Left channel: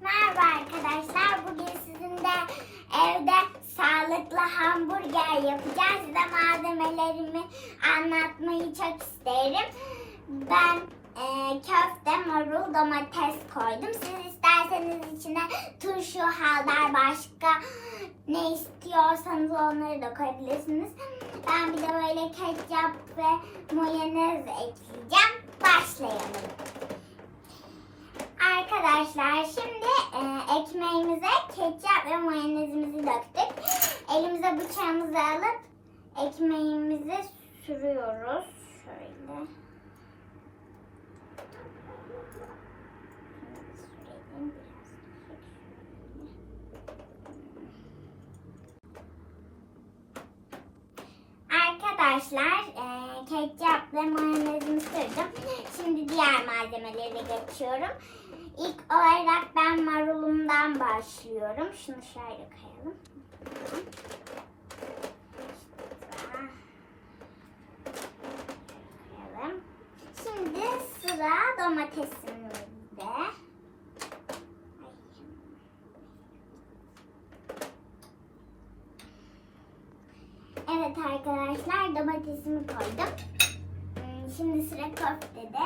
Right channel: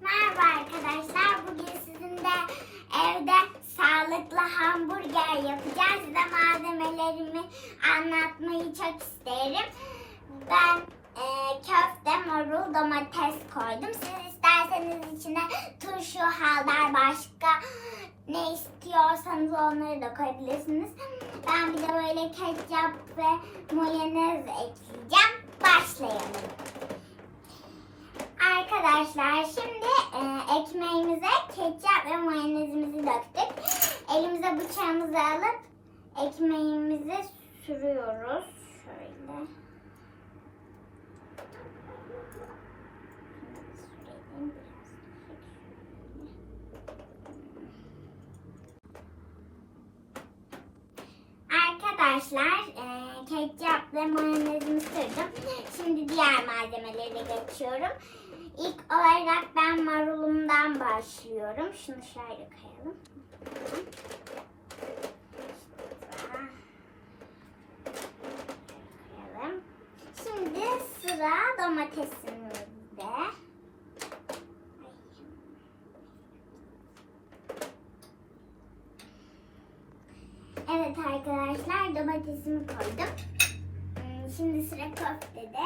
Merhaba arkadaşlar. Bugün sizinle evde sağlıklı hamburger yapacağız. Size malzemelerimi anlatmayı çok isterim. Ben e, köfte, marul, domates koydum. Siz isterseniz içine turşu, haldar, başka ne istiyorsanız onları da koyabilirsiniz. Ben bir de böyle ketçap ve mayonez ekleyeceğim. Başlayalım. Arkadaşlar şimdi ekmeğimize ketçap ve mayonezimizi döktük. Elimize bıçağımızı alıp ekmeğimizi sürüyoruz. Şöyle. Arkadaşlar e, ketçap ve mayonezimi sürdüm. Şimdi diğer malzemeleri geçiyorum. İlk olarak ben marulumdan başlıyorum. Şunu şöyle. Koyalım. Şimdi sıra domatesimizde. Evet arkadaşlar domatesimi koydum. Hmm, Şimdi sıra köftede.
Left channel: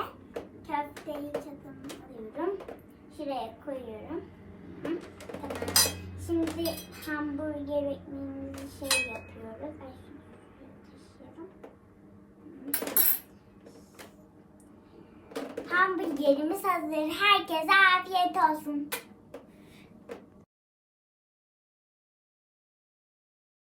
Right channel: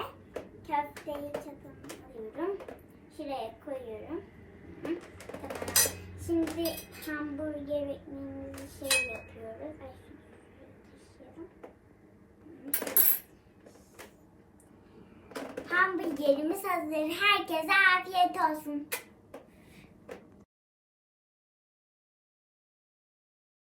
Köfteyi. Şuraya koyuyorum. Tamam. Şimdi hamburger ekmeğimizi şey yapıyoruz. Ay. Hamburgerimiz hazır. Herkese afiyet olsun.